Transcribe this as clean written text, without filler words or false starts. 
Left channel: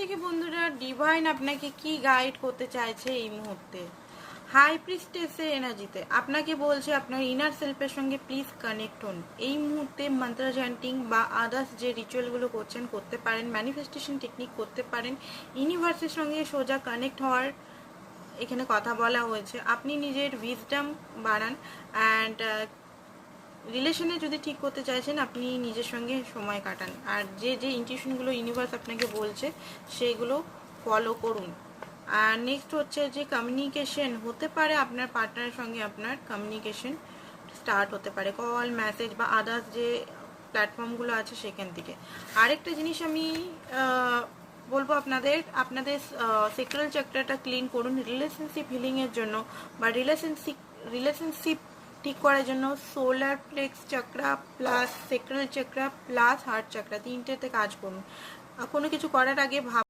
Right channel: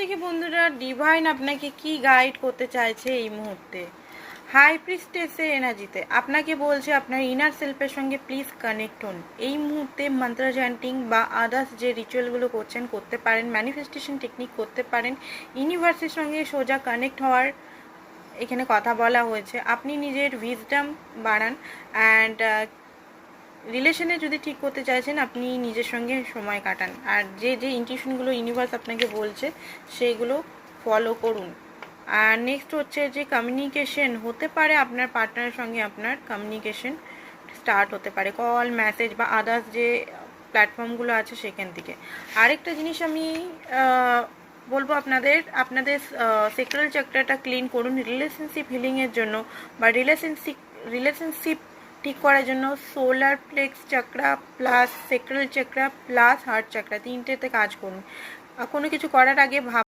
দেখি বন্ধুরা, ডিভাইন আপনাকে কি গাইড করতে চাইছে এই মুহূর্তে। হাই প্রিস্টেসের এনার্জিতে আপনাকে বলছে আপনার ইনার সেলফের সঙ্গে প্লিজ কানেক্ট হন। এই মুহূর্তে মন্ত্র চ্যান্টিং বা আদার্স যে রিচুয়ালগুলো করছেন করতে পারেন, ম্যানিফেস্টেশন টেকনিক করতে পারেন, ইউনিভার্সের সঙ্গে সোজা কানেক্ট হওয়ার এখানে কথা বলা হয়েছে। আপনি নিজের উইজডম বাড়ান অ্যান্ড রিলেশনে যদি ঠিক করতে চাইছেন আপনি নিজের সঙ্গে সময় কাটান, আর যে যে ইনটিউশনগুলো ইউনিভার্স আপনাকে বলছে সেইগুলো ফলো করুন। আর নেক্সট হচ্ছে যে কমিউনিকেশন হতে পারে, আপনার পার্টনারের সঙ্গে আপনার কমিউনিকেশন স্টার্ট হতে পারে, কল, মেসেজ বা আদার্স যে প্ল্যাটফর্মগুলো আছে সেখান থেকে। আরেকটা জিনিস আমি বলবো আপনাদের, সেক্রাল চক্রটা ক্লিন করুন রিলেশনশিপ হিলিংয়ের জন্য, বা রিলেশনশিপ ঠিক করার জন্য। Solar plexus chakra plus sacral chakra plus heart chakra তিনটেতে কাজ করুন। কোনো কিছু করার আগে